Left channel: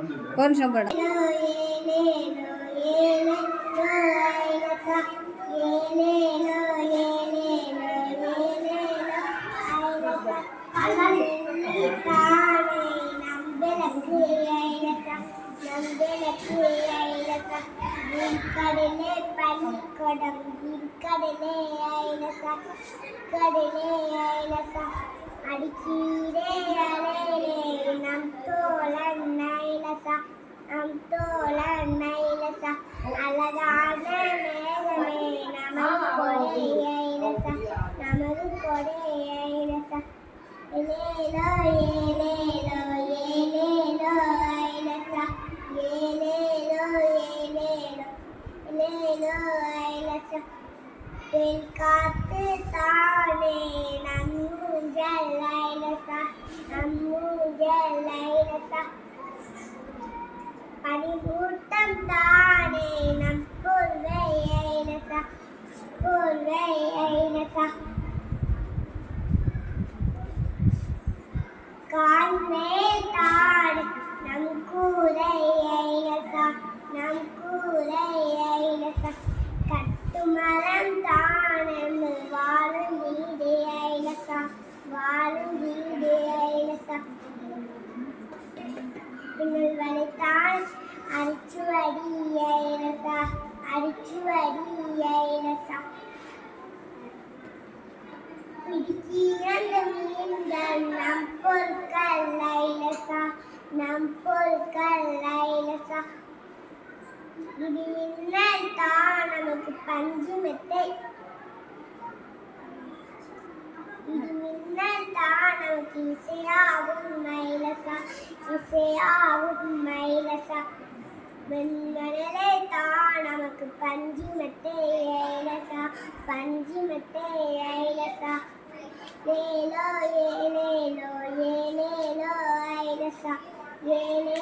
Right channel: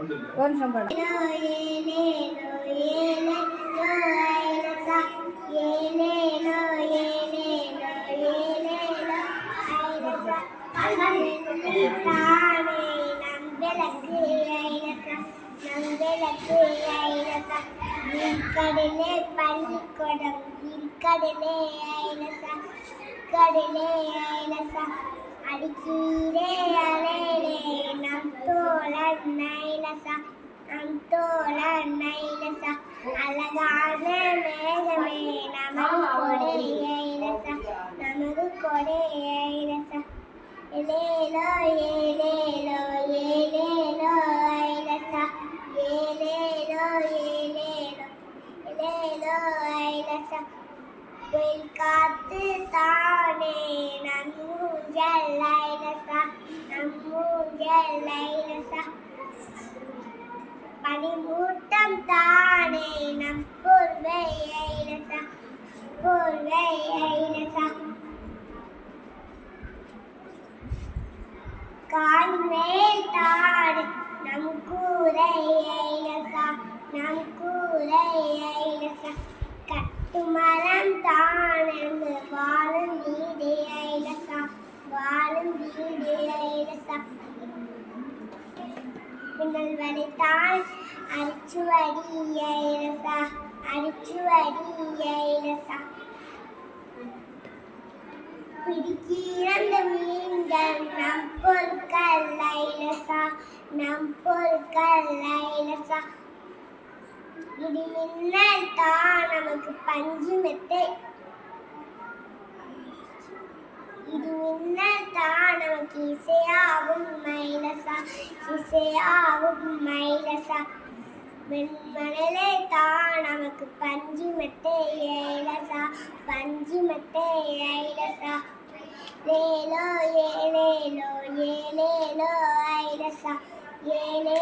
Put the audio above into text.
ஒரு நிமிஷம் போடும். கடலே பள்ளிக்கூடம் கடலே ஐலசா கடலே ஐலசா அடிக்கீரே அலையிலே நம் தோழன் ஐலசா நம் தோழன் ஐலசா அழகான மேகமே நமது கொடை ஐலசா நமது கொடை ஐலசா ஏலேலோ ஏலேலோ ஏலேலோ ஐலசா ஏலேலோ ஏலேலோ ஏலேலோ ஐலசா வெயில் காத்து தானே நம்மூஞ்சல் ஐலசா நம்மூஞ்சல் ஐலசா பனிமூட்டம் தானே நம் போர்வை ஐலசா போர்வை ஐலசா கான்மேல் தாடு நம் கூரை ஐலசா நம் கூரை ஐலசா கட்டுமரம் தானம் வாழும் வீடு ஐலசா வாழும் வீடு ஐலசா பின்னல் வளைத்தான் அரிச்சுவடி ஐலசா அரிச்சுவடி ஐலசா பிடிக்கிறந்த மீன்கள் நம் பொருட்கள் ஐலசா நம் பொருட்கள் ஐலசா இடி மின்னல் தான் நமக்கு பஞ்சு மெத்தை இடி மின்னல் தான் நமக்கு இசையாகும் ஐலசா இசையாகும் ஐலசா வெண்மணலை தான் நமக்கு பஞ்சு மெத்தை ஐலசா பஞ்சு மெத்தை ஐலசா லேலோ ஏலேலோ ஏலேலோ ஐலசா ஏலே